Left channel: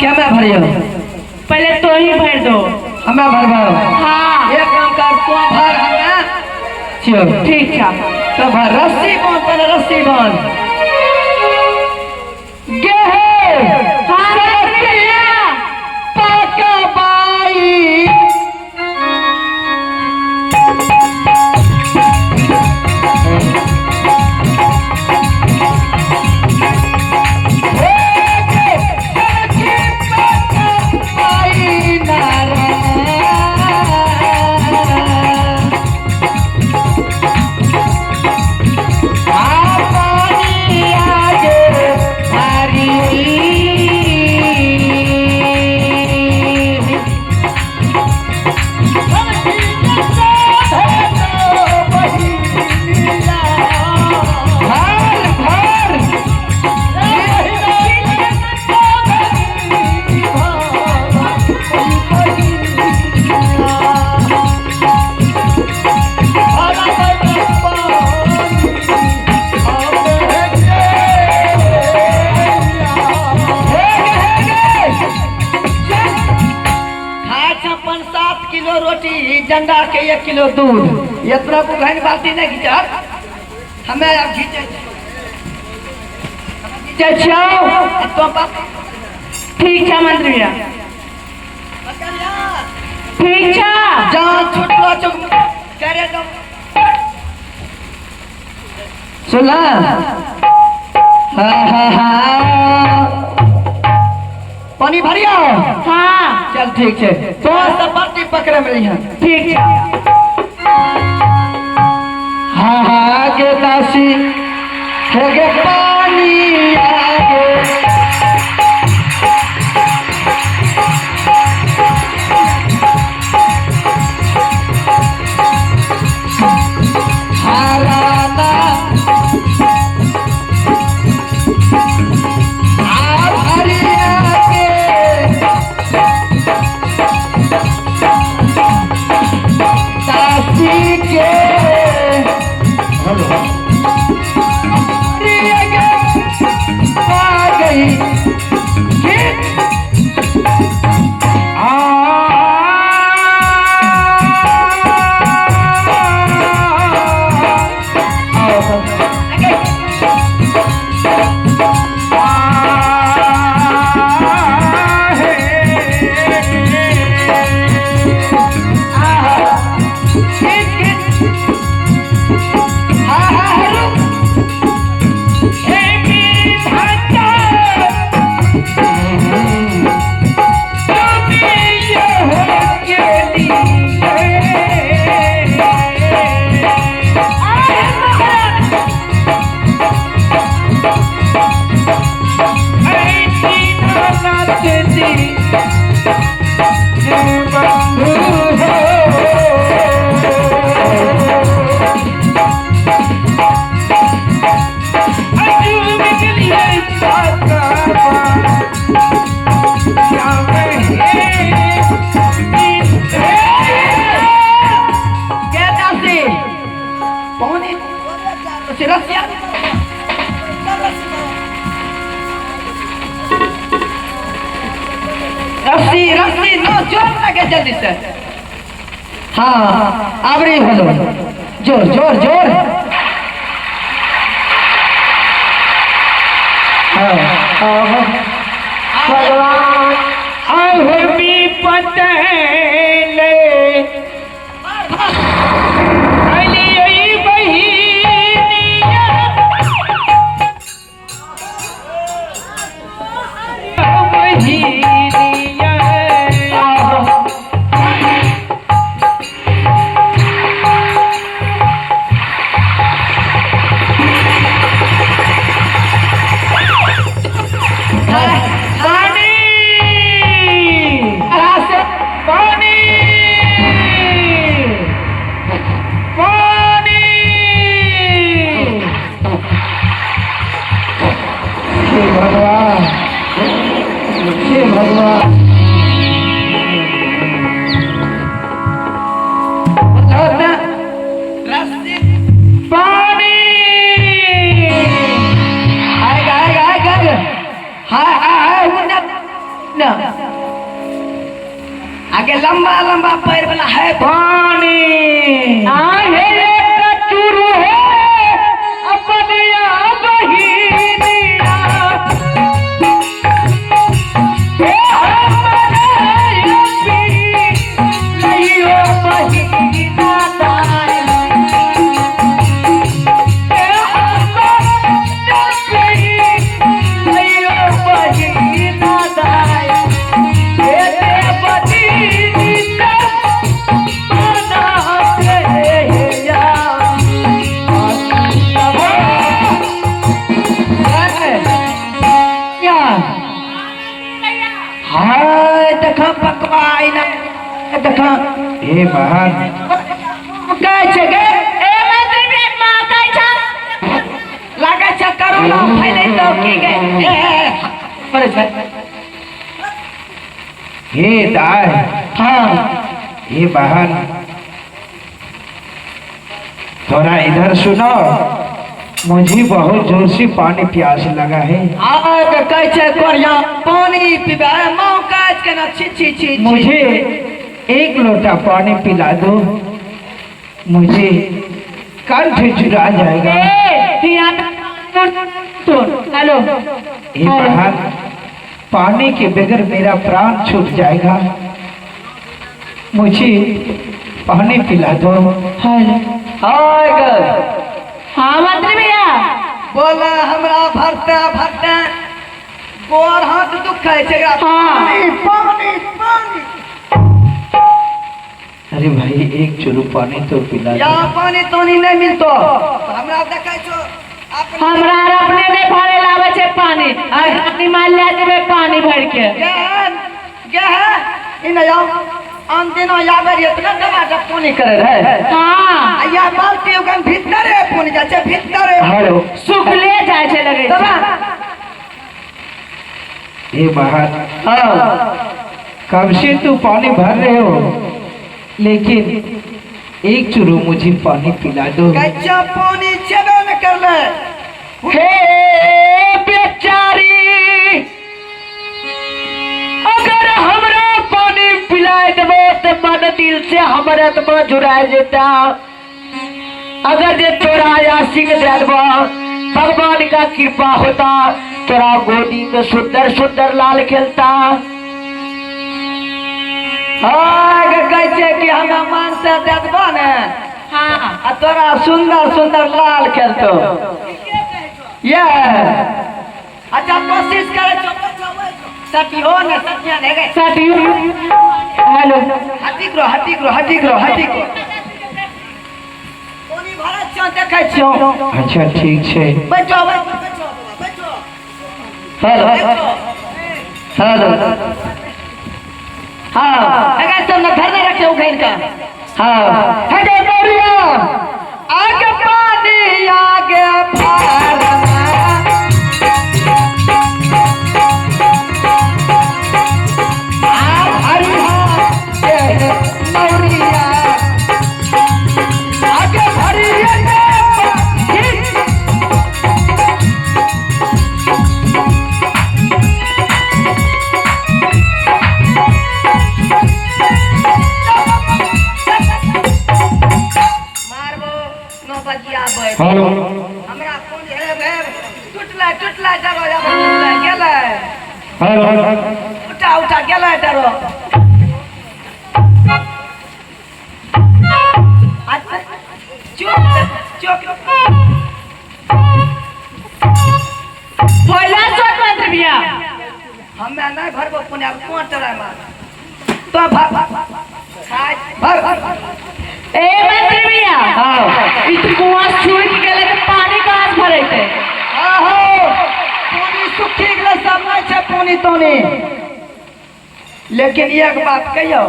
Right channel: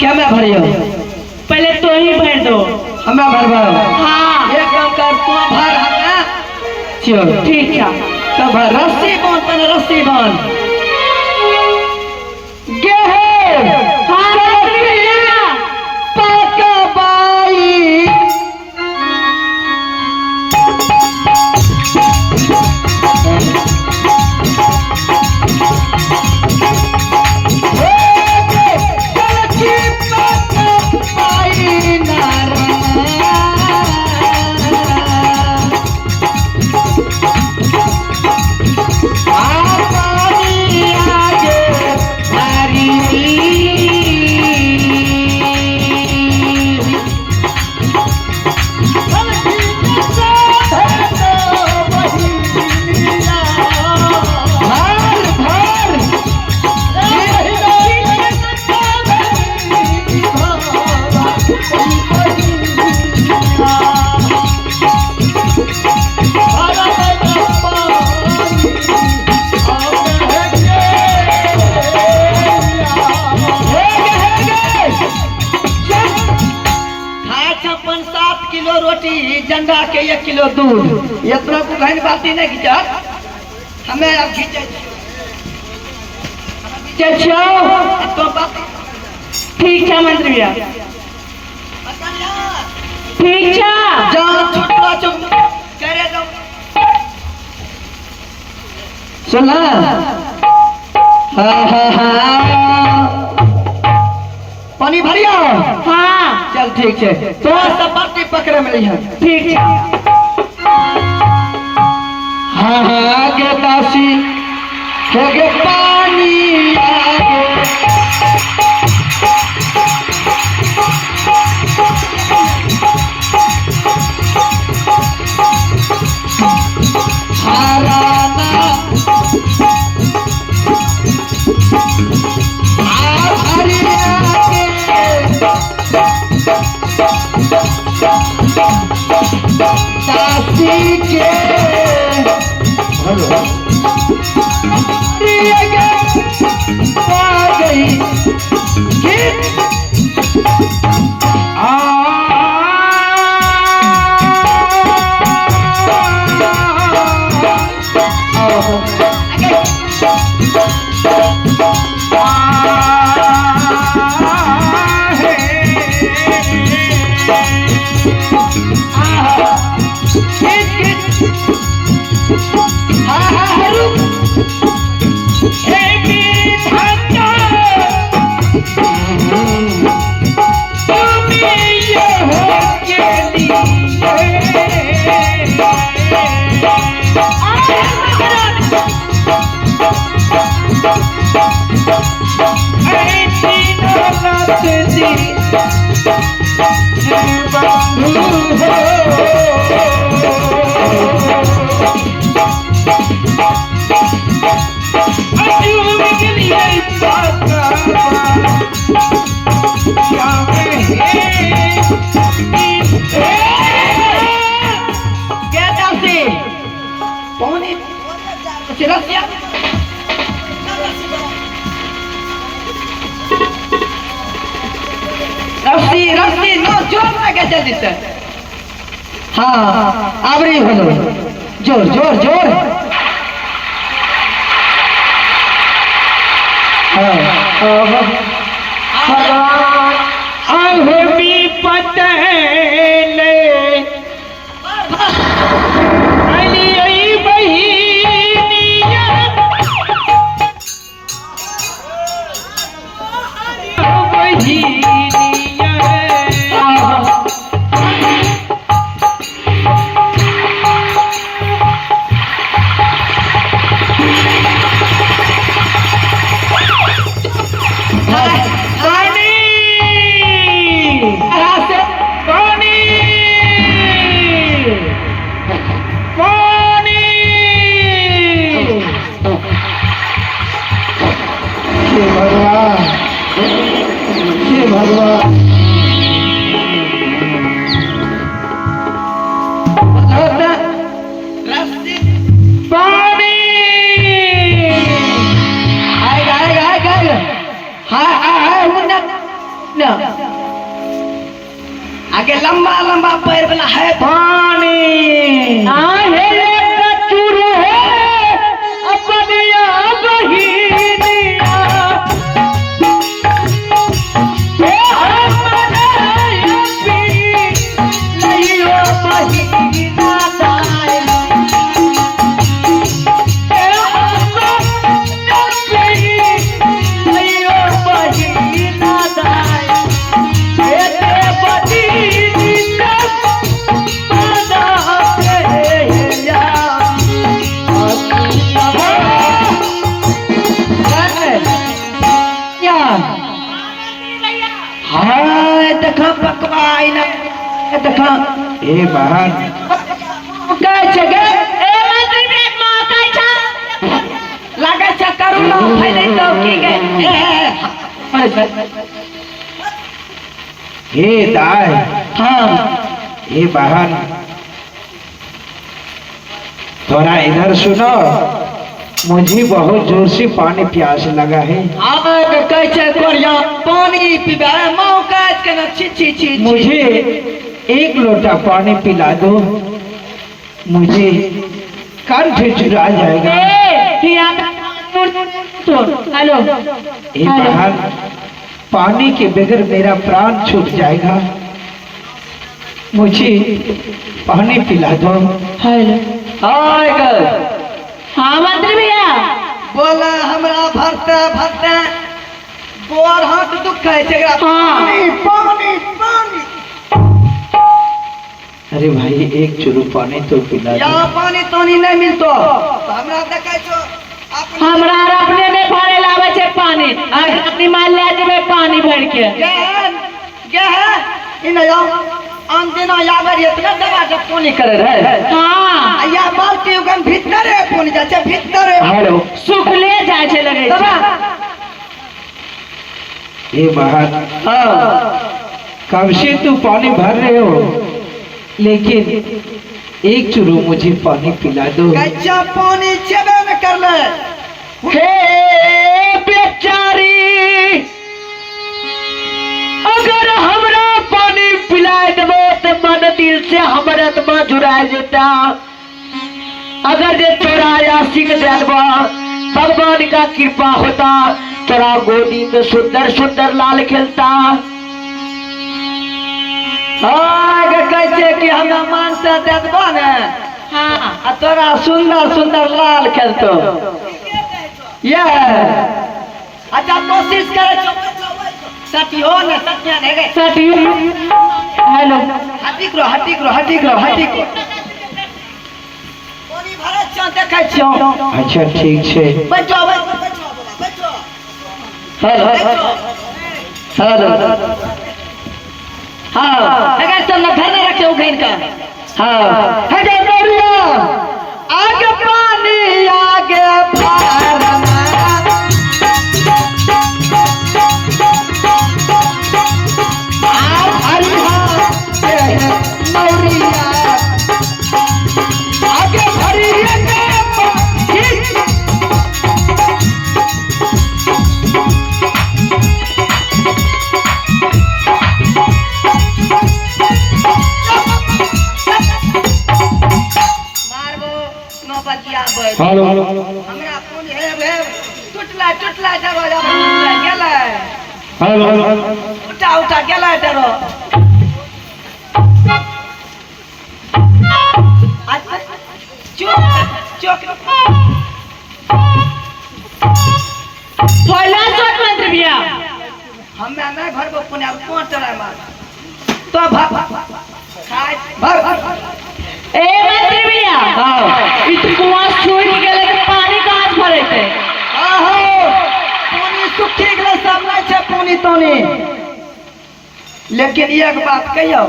क्या मैं भरियो? पहले तो ही भर दो। हमें भरवा। हाँ। एक काम कर तू भर हमें। चलो ठीक है। तो भर रस्सी बांध तने रस्सी बांध। गेहे। हाँ रस्सी पाका बाई। जंगा के 1 किलो दूध इतना को घन बाती नहीं खींचा हमें अब खींचा तो ठीक है मंत्री भैया। ठीक है। जहाँ छोटा चुप करे तो सुना। हाँ हाँ हाँ पानी भरिया। हाँ चल ठीक है तो सब बाती पकड़े मिली है। ठीक है। हाँ हाँ के दासी के पानी आगे रस्सी रस्सी नो जोर लगे जल्दी से। हाँ अब रही हेलो जोर जोर जोर। भगवान अब भी पता ले ना आगे लंबा लंबा पैर वाला है पानी आहे कचुरु है अपनिया बहिनिया हे हमारे यपी नैया बहिना दाई हे हमारे यपी नैया बहिना दाई हे देवती देखा ए बहन काय छे गे ए मंत्री बेट मां काय छ लागे छ करोना उठै नै तो की गे हे दाय हां हे बहन थोड़ा इधर सुनो, मुझे बहुत जोर से पानी प्यास लगा है। आवे तो काय छे कोरिया पानी पीबे मां काज के न छी छी छी मुझे एक लोटा पानी पिला दो, मुझे कंठ चुरा जाएगा। हेलो हे बहन पानी के बगैर मेरा प्राण छूट जाएगा, मुझे पानी पिला दो। हेलो हाय गे हाँ मंत्री भैया बोले हमरा भरते भरते बोर हाथ दुख है छे हाँ। पानी पानी पानी अरे भाई एक चुरु पानी तो पिला या दो। पानी तो नहीं मिलतो तो हमरा देखे छो हमरा अपने ने भरे लावे छे पानी अपनी मान ले जेबे पानी भर के ये है इन जाओ आन दिना यागर इतना दवा जब पानी करे रहे हाँ या बाल्टी उगन भीतर है पानी जाचे भीतर है हेलो सुखले जाय छे लगे दवा ये बहन हां कब से तू पानी भर रहे हो, लेकिन एक चुरु मुझे पानी पिला दो। कच्चा पानी चबे में कर ले हे बेचारी अगर हमरा पानी पिला देबो तो मन दिल से हमरे आत्मा जुड़ा जेता। अगर जे तोरा आशिक देबो भगवान का कृपा होता, तोरा गोदी में सुंदर सुंदर लाल खेलता। हां कहै कि हमरा मान से देखबो ने हाँ आ तोरा सुंदर सुंदर लाल खेलतो ये अच्छा कोशिश करे छो सटी हो ने सटिया ने गे साथी हेलो हटी करो हटी करो हटी करो हटी करो पानी भरा छ देखै छो अच्छा ठीक है। बचो बचो बचो हेलो हेलो हाँ अगर सब न खाना रखे हो घर का हाँ हटे मोरिया आगे पानी आगे पारना आओ हरिया मोरिया आगे हरिया हेलो हमरा कोन है रे टुटला टुटला जरो टुटला गेलै हेलो उठा उठा गेलै जरो अच्छा चुप चुप पहला शॉट मंत्री भैया हमरा नहीं भरबो पुण्य कोन चला मार तो भाग भाग ए मंत्री भैया हां इतनी कुआं छुई गेले तो पानी कहां से भरे थे आहो पानी सुखी गेलै सब नहीं छै पानी तोनी लेकिन एक बात कहियो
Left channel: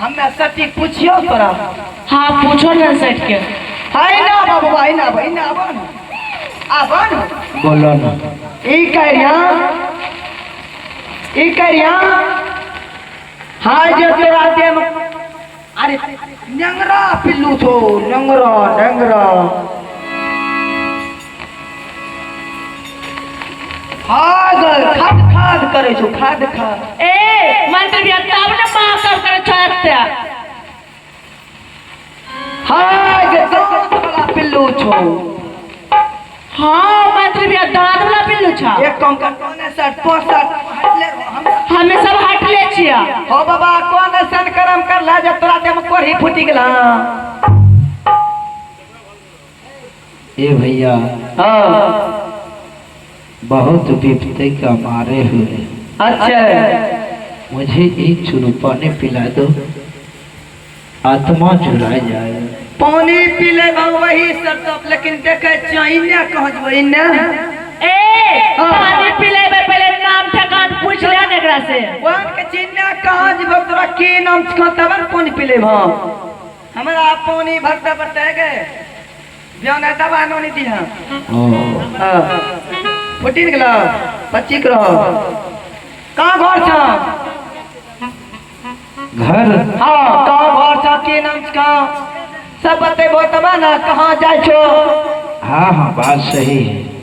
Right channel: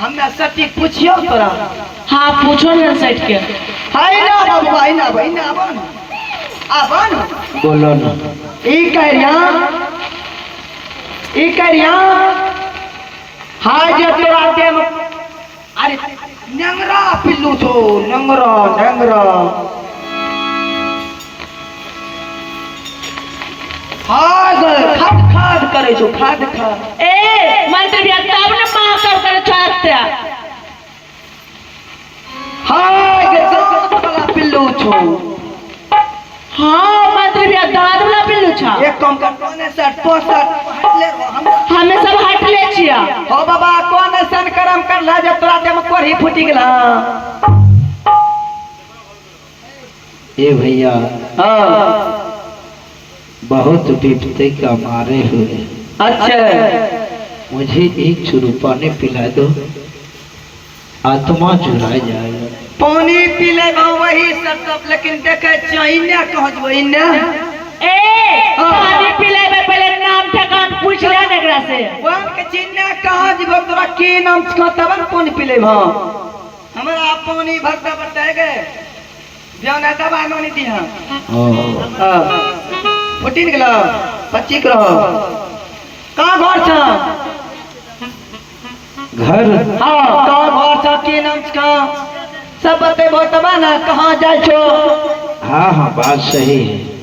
हमें सटी पूछियो तोरा हाँ पूछो ना सेट के हाय ना बाबू हाय ना भाई ना आबन आबन बोलो ना। ई करिया हाय जे तोरा देम अरे नंगरा पिल्लू छो नंगरा नंगरा हाय गए खट खट करे छो खा देखा ए मंत्री भैया तब ने मां कर छात्या हाय जे दांत वाला पिल्लू छो हां मंत्री भैया दांत वाला पिल्लू छा एक काम कर कोने से 65 हटले हम हमें सब हट ले छिया हो बाबा कोन सन करम कर ला जे तोरा दे में कोढ़ी फूटी गेला ये भैया हां बहुत विपत्ति का मारे हुए अच्छा मुझे एक चुरू पानी पिला दो आत्मा चुरा जाए पानी पी ले वही सब सब लेकिन देखे चाहिए कहजबो इने ए पानी पिले में पहले नाम ठकान पूछ ले एकरा से वन के चिन्ह कहां जी भक्तरा की नाम छ तब पानी पी ले हम हमरा पानी भक्ता बताए गए बियाना दवा नोनी दी हां हां फुटी गेला पच्ची करो कहां घर छ घर हां कहां घर छ की नाम छ सब बतेबो तब ना कहां जाय छो हाँ हाँ बात सही है